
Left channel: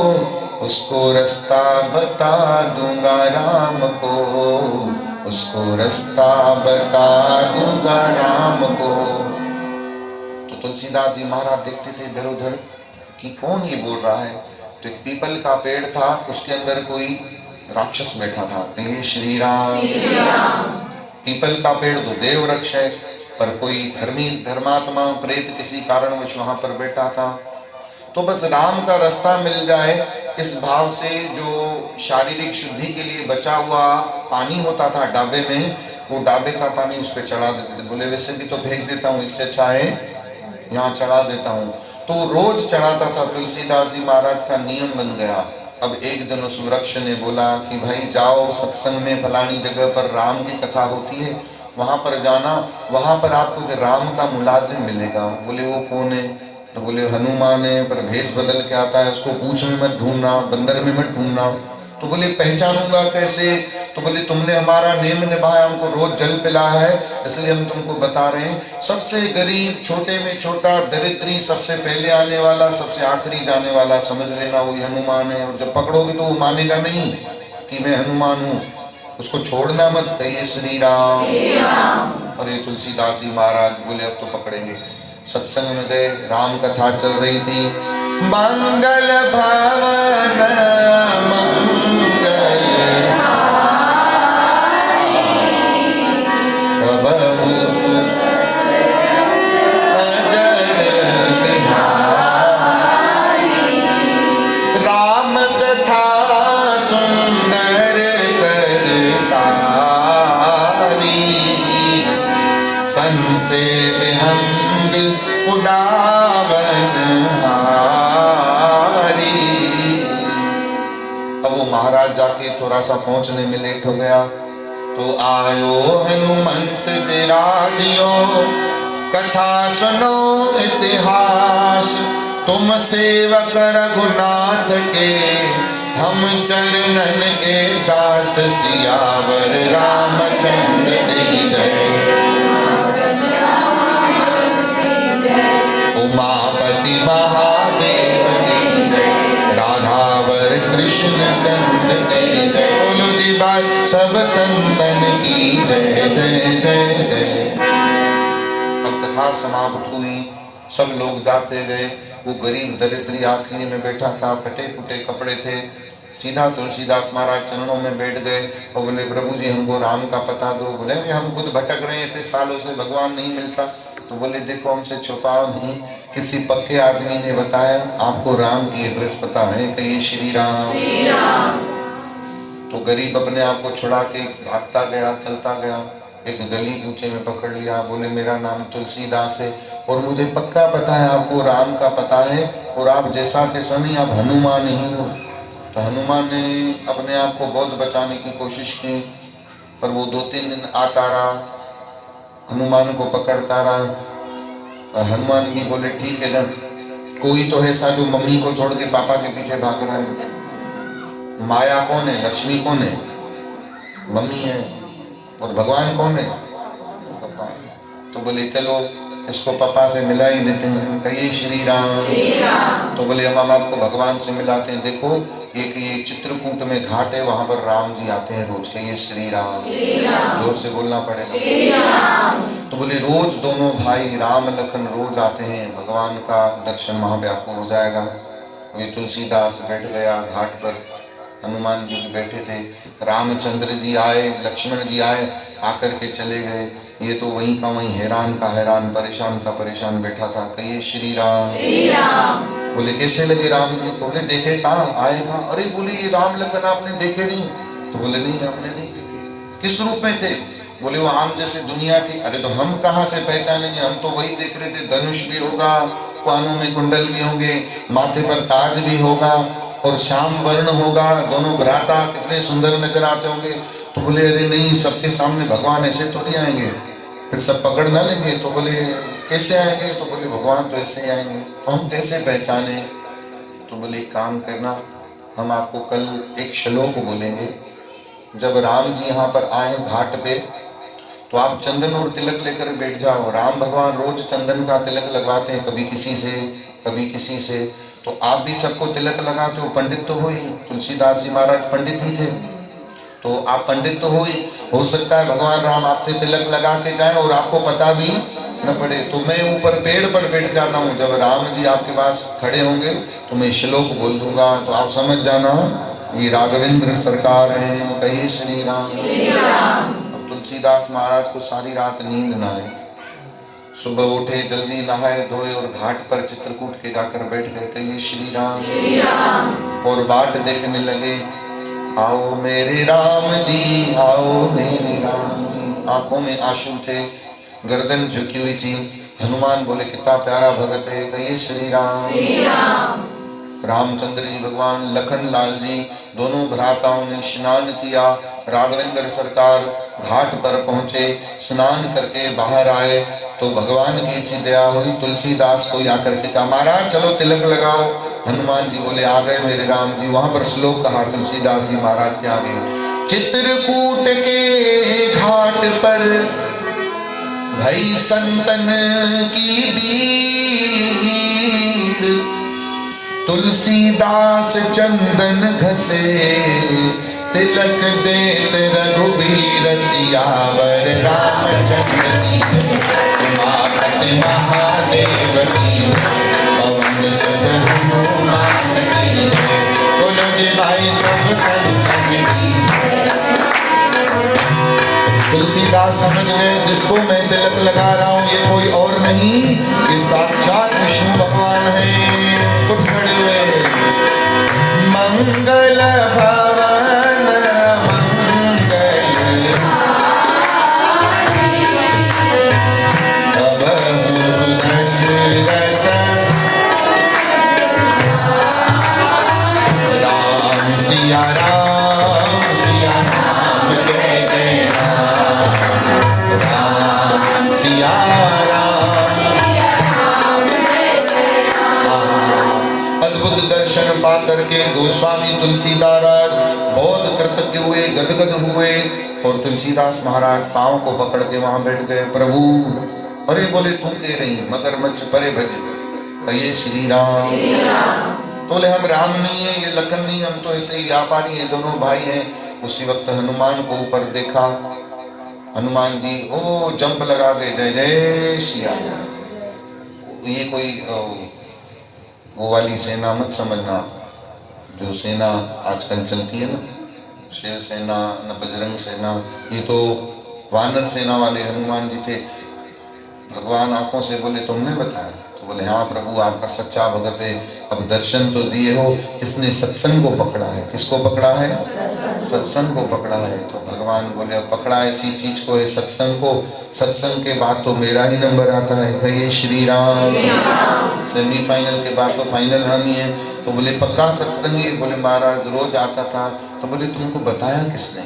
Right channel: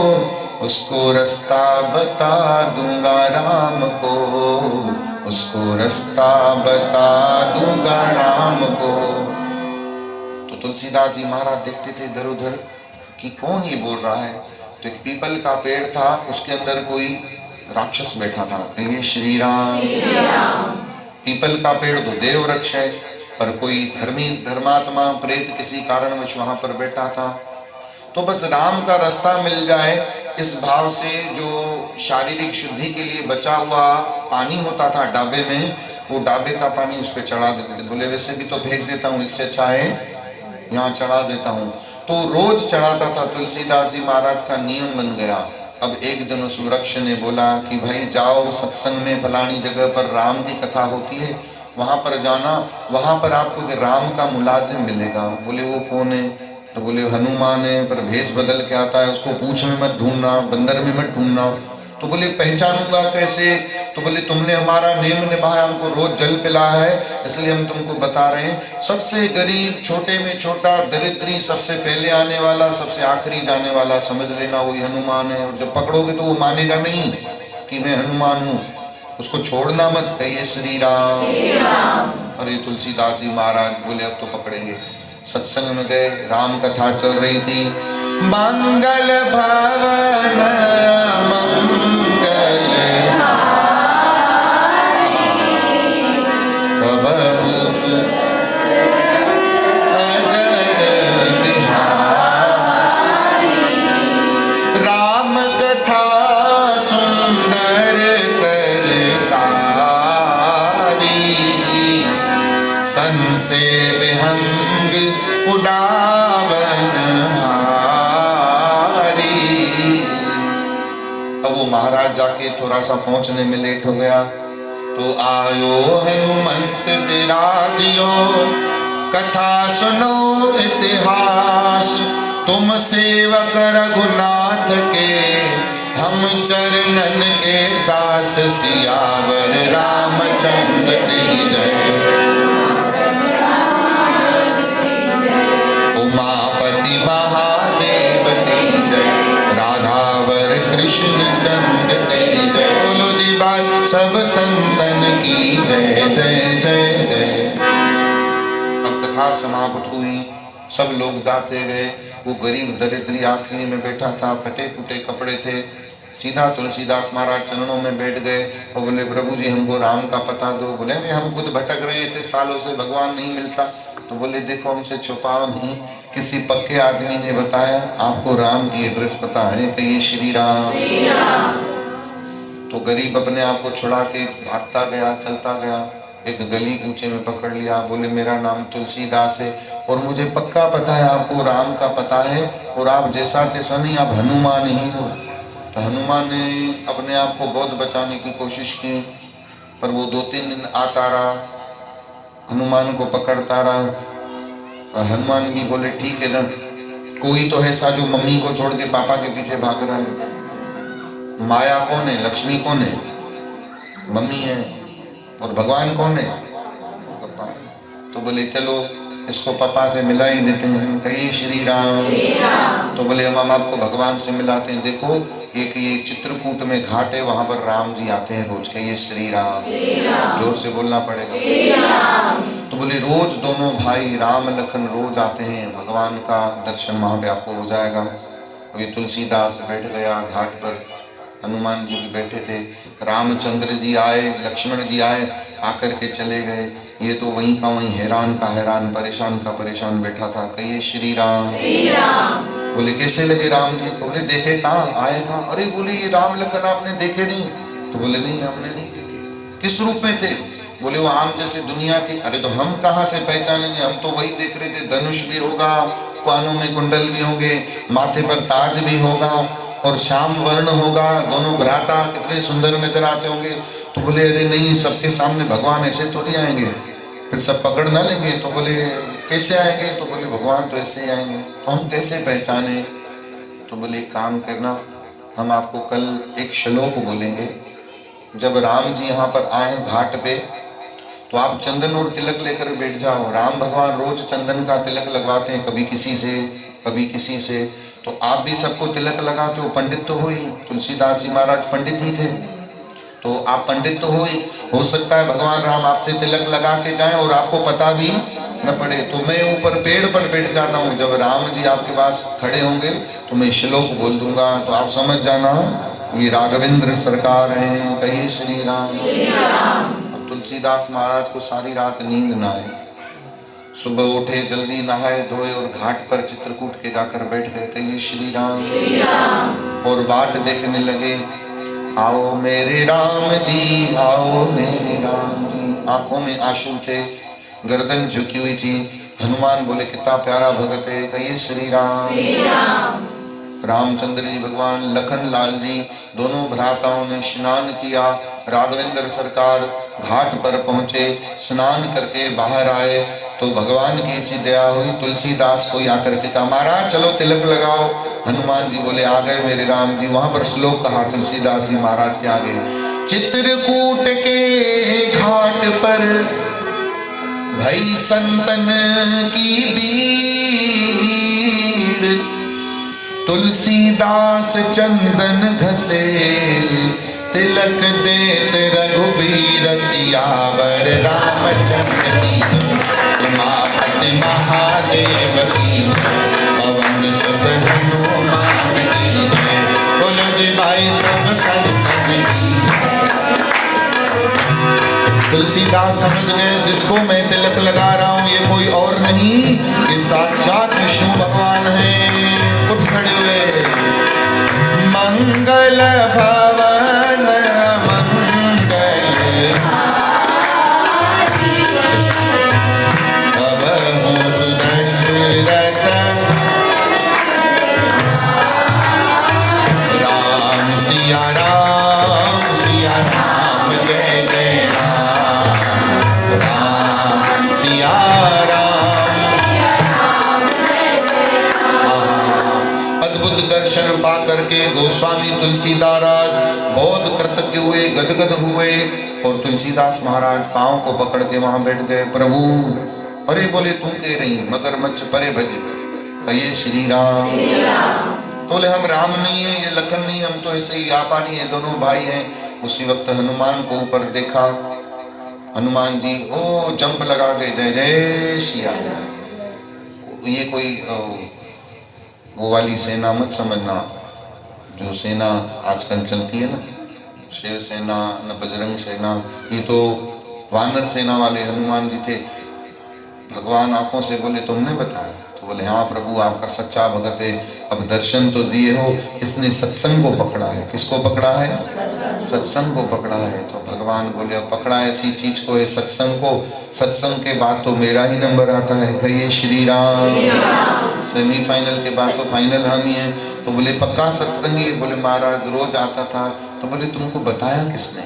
उसको रास्ता बता दूंगा राम को, उसको रास्ता बता दूंगा राम को। तो तुलसीदास जी महाराज देखते थे इधर उधर कि कौन ये बोल रहा है। तो एक पीपल का पेड़ था, उसके अंदर कोई राक्षस बैठा था। कहिए श्री राम। पीपल का पेड़ तो देव वृक्ष है, पर कोई धर्मी धर्मात्मा प्रेत किसी कारणवश वहां पर बैठा था। तो बस राम का रास्ता मिल जाए इस भाव से जो शारीरिक शुद्धि के लिए बचा हुआ पानी होता था डाबे में, वो डाबे का पानी उस पर चढ़ा देते थे। बोले वैसे भी तो फेंक देता हूँ, इससे अच्छा है यहाँ चढ़ा देता हूँ। तो रोज चढ़ाता था। तुलसीदास जी महाराज का नियम बन गया। अब एक दिन उस वृक्ष ने बोला कि भाई जाओ सत्संग में फलानी जगह पर राम की कथा होती है, वहां पर जाना, वहां पर आपको राम का मुलाजिम मिलेगा। बोले वो कौन है? तो बोले हनुमान है, पर भेष बदल के आता है, उसको पूंछ में मत ढूंढना, बंदर में मत ढूंढना। तो बोले पहचानूंगा कैसे? तो बोले तुमने हमारा नेम निभाया, हमको रोज जल पिला है, इसलिए हम तुमको बता रहे हैं। सबसे गरीब, छोटे में छोटा, दरिद्री, सबसे पहले आने वाला, सबसे आखिरी जाने वाला, समझ लेना वही हनुमान है। और जब पकड़ोगे तो वो मानेगा नहीं कि मैं हनुमान हूँ, उसको छोड़ना मत। कहिए श्री राम। अरे तुलसीदास जी महाराज बोले अब तो पकड़ेंगे। सत्संग में गए, राम कथा चल रही थी। मंगल भवन मंगल बबूस अजर बिहारी, राम कथा सुंदर करतारी, सन से विहंग उदावन हारी। अब वो महाराज जाके थोड़ा सा पहुंचने में लेट हो गया, तो आयो हनुमंत विराजियो, कथा सुनो इतिहास, तुम सेवक रघुनाथ के, हम चरणन के दास, सियावर रामचंद्र की जय। उमापति महादेव की जय, राधावर कृष्ण चंद्र की जय। बोलो जी भाई सब संतन की जय जय जय जय। अब कथा समाप्त हुई, सब लोग जाते गए। वो गरीब दरिद्री आखिरी में बैठा था, फटे फुटे कपड़े थे, सीधा तुलसीदास महाराज चरणों में बैठ गए और बोले प्रभु जी हमको राम का पता दो। बोले हम खुद भटक रहे थे सालों से, भगवान नहीं मिलता। तो बोले देखो हमसे छुपाओ नहीं, किसी पक्के आदमी ने बताया आपको राम की एड्रेस पता है? कहिए श्री राम। तो गरीब अपने आप को छुड़ा के भागता गया, चलता गया, एक गली कूचे में पकड़ लिया। बोले मेरा नाम तुलसीदास है और मुझे पक्का पता है आपको राम का पता है, और आप जैसा तैसा नहीं, आप हनुमान ही हो। तो हनुमान ने अपने आप को बहुत बचाने की कोशिश की, पर वो 2-3 दिन आता रहा, हनुमान को पकड़ता रहा। हनुमान भी बोले ठीक है ना, कोई तो ऐसा जो मम्मी को छोड़ के पापा के पीछे भाग रहा है। माया कौन है? लक्ष्मी कौन है? मम्मी है। और भगवान कौन है? पापा है। तो बोले चलो इसको पापा से मिला ही देते हैं। कहिए श्री राम। तो बोले हम आपको भगवान से मिलाते हैं। देखो एक ये चित्रकूट में घाट है, वहां पर राम जी आते हैं रोज। कहिए श्री राम। जोर से बोलना पड़ेगा। तो बोले रोज दोनों भाई राम लखन रोज आते हैं, भगवान का दर्शन वहां पे आपको हो जाएगा। अभी तुलसीदास बैठ गया घाट पर, हनुमान जी भी बैठे थे, रामचंद्र जी आए, लक्ष्मण जी आए, आकर के चले गए। ये तो वहीं का वहीं हैरान का हैरान, परेशान का परेशान बैठा था। कहिए श्री राम। बोले कैसे लगे राम जी? तो बोले देखे कहाँ आएगा। अरे बोले ये राम लखन आपने देखे नहीं? तो बोले नहीं हमने नहीं देखे। किस रूप में थे? बोले वो आम जैसे दुनिया थी। अरे तो हम कहाँ से पहचानेंगे, हम तो वही देख रहे थे, धनुष भी होगा, कानों में कुंडल भी होंगे, माथे पर ताज भी होगा और श्याम वर्ण होगा, दोनों भ्राता कितने सुंदर नजर आते होंगे। तो बोले अरे नहीं, सबके सामने भगवान ऐसे तो नहीं आएंगे, फिर सब पकड़ ना लेंगे। तो बोले कैसे आएंगे? तो बोले भगवान तो ऐसे ही आएंगे, तो हम कैसे पहचाने? तो बोले काम करना, हम आपको कल एक श्लोक बोलेंगे। जब राम जी यहाँ पर आए घाट पे, तो आप चंदन और तिलक लेकर बैठ जाओ। राम भगवान रोज चंदन का तिलक लगवाते हैं, कभी किसी से कभी किसी से। तो आप भी सबको तिलक लगाते हो, पंडित तो हो ही। तुलसीदास जी महाराज पंडित ही थे, तो आप पंडित तो हो ही। हो सकता है भगवान राम आपसे तिलक लगा के जाएं और आपको पता भी न पड़े। तो मैं ऊपर पेड़ पर बैठ जाता हूँ, जब राम जी आपके पास खड़े होंगे तो मैं श्लोक बोल दूंगा, तो आप समझ जाना ये राघवेंद्र सरकार हैं, कहिए श्री राम। अब तुलसीदास महाराज को सारी रात नींद ना आए, सुबह उठे, जल्दी नहाए धोए और घाट पर चित्रकूट के जाकर बैठ गए, कहिए श्री राम। और बाट देखने लगे, आओ मेरे राम जी, आओ मेरे राम जी। आंखों में आंसू थे, गर्दन झुकी हुई थी। हनुमान बोले कितना प्यारा भगत है, कहिए श्री राम। रामचंद्र जी भगवान, लखन लाल जी, दोनों भ्राताओं ने स्नान किया। राघवेंद्र सरकार घाट पर पहुंचे, स्नान करके बाहर आए तो भगवान की ऐसी दया हुई, तुलसीदास को आकर के कहा महाराज चलो तिलक लगाओ। हनुमान जी बोले आ गए मेरे राम जी। वहां पर श्लोक कहा तुलसीदास जी महाराज के आगे, चित्रकूट के घाट पर भई संतन की भीड़, तुलसीदास चंदन घसे, तिलक देत रघुबीर सियावर रामचंद्र की। उमापति महादेव की, पवन सुत हनुमान की। बोलो जी भाई सब संतन की। तुलसीदास समझ गए जिसको मैं तिलक लगा रहा हूँ ये कोई और नहीं, ये साक्षात विष्णु भगवान है। उठ खड़े हुए, मंगल भवन मंगल भवन सुदशरथ राम सिया राम, सिया राम जय जय राम, राम सिया राम। अद्भुत दर्शन पा करके गोस्वामी तुलसीदास बहुत कृतज्ञ हुए, गदगद हुए और तुलसीदास महाराज पांव को पकड़ के वहां बैठ गए। प्रभु अरे बोले तू कह रही मगरमच्छ परे भज, कहिए श्री राम। तो बोले हम राम नहीं है, ये लखन नहीं, हम तो ऐसे ही व्यापारी हैं, दोनों भाई हैं। उसी वक्त हनुमान को ऊपर देखा, हनुमान जी ओ जंप लगा के जय जय श्री राम। ये कोई वो वाली सेना मत समझना जो सेना आजकल चलती है ना, शेर सेना न बजरंग सेना, ये तो वानर सेना वाले हनुमान जी थे। भगवान आंखों से बोले तुमने बताया? तो बोले हाँ प्रभु आपका सच्चा भगत है, अब दर्शन तो दिए हो। इसने सत्संग को पकड़ा है। किसको पकड़ा है? सत्संग को पकड़ा है। तो भगवान बोले अब पकड़ा ऐसी चीज को है सत्संग को, सत्संग के बाद तो मेरा ही नंबर आता है, कहिए श्री राम। सेमीफाइनल के बाद तो फाइनल हम ही हैं। तो बोले पक्का सत्संगी? बोले महाराज रोज आता था। तो बोले तुमको बताया किसने?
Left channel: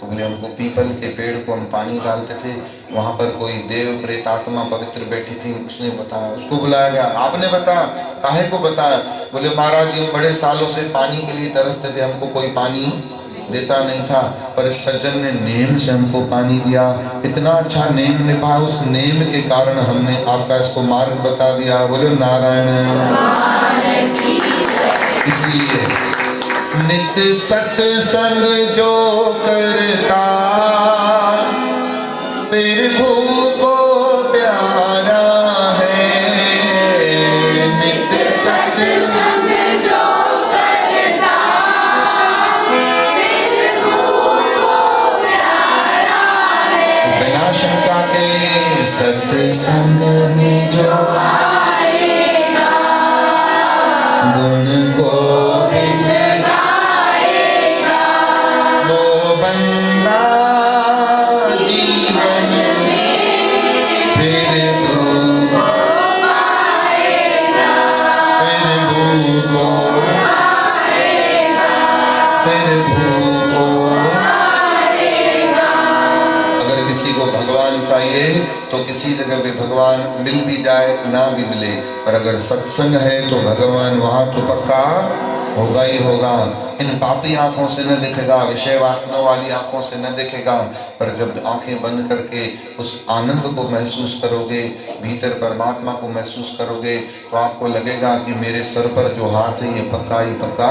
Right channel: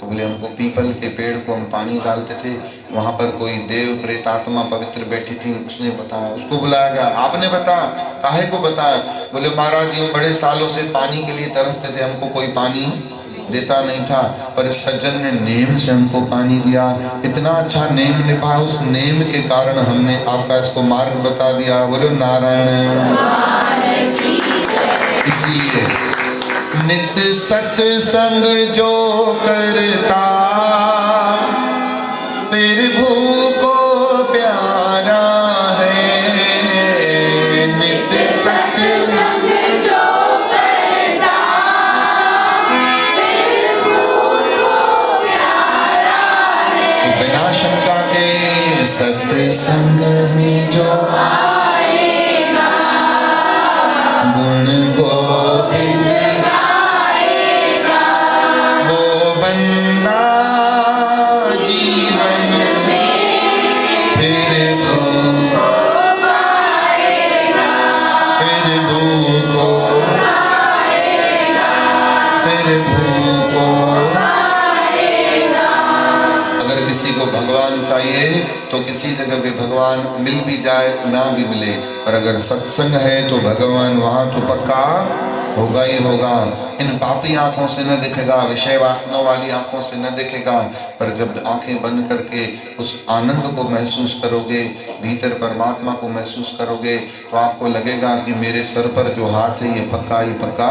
तो बोले हमको पीपल के पेड़ को हम पानी डालते थे, वहाँ पर कोई देव प्रेतात्मा पवित्र बैठी थी, उसने बताया। उसको बुलाया गया, आपने बताया? काहे को बताया? बोले महाराज जी हम बड़े सालों से पानी के लिए तरसते थे, हमको कोई पानी देता नहीं था, पर इस सज्जन ने नेम से हमको पानी दिया। इतना अच्छा नेम निभा, उस नेम के कारण हमने आपका इसको मार्ग बता दिया। बोलो नारायण। इसीलिए नित्य सत्संग जो करता, प्रभु को प्यारा है। नित्य सत्संग जो करता, प्रभु को प्यारा है। बिना शंका के सत्संग में जो आएगा, गुण गोविंद गाएगा, वो बंदा जीवन में प्रभु को पाएगा, प्रभु को पाएगा, प्रभु को पाएगा। अगर किसी को भगवान चाहिए तो किसी ने जब भी भगवान मिल भी जाए ना भी मिले, पर अगर सत्संग है तो भगवान वहाँ तो पक्का होगा ही होगा। इन पापी आंखों से न दिखेगा, विषय वासना वाली आंखों से न दिखेगा, पर जब आंखें बंद करके उस आनंद को महसूस करोगे, भीतर परमात्मा को महसूस करोगे, तो आपको लगेगा कि मेरे सर पर जो हाथ है ये पक्का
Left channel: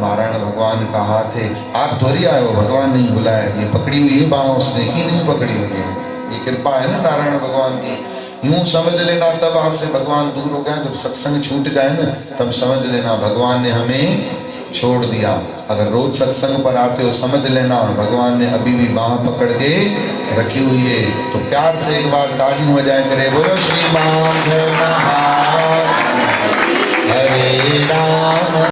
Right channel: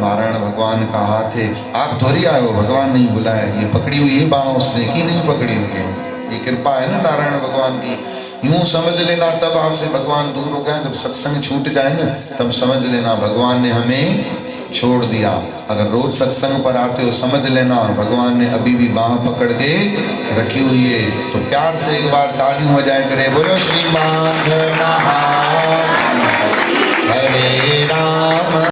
नारायण भगवान का हाथ है। आप थोड़ी आए हो, भगवान नहीं बुलाए, ये पकड़ी हुई है बाह उसने ही नहीं पकड़ी हुई है, ये कृपा है ना नारायण भगवान की। यूं समझ लेना तब आपसे भगवान दूर हो गया, जब सत्संग छूट जाए ना तब समझ लेना भगवान ने हमें छोड़ दिया। अगर रोज सत्संग पर आते हो समझ लेना भगवान ने अभी भी बाह पकड़ के रखी हुई है। तो प्यार से एक बार ताली बजाए करे बोलो श्री मान जय महाराज।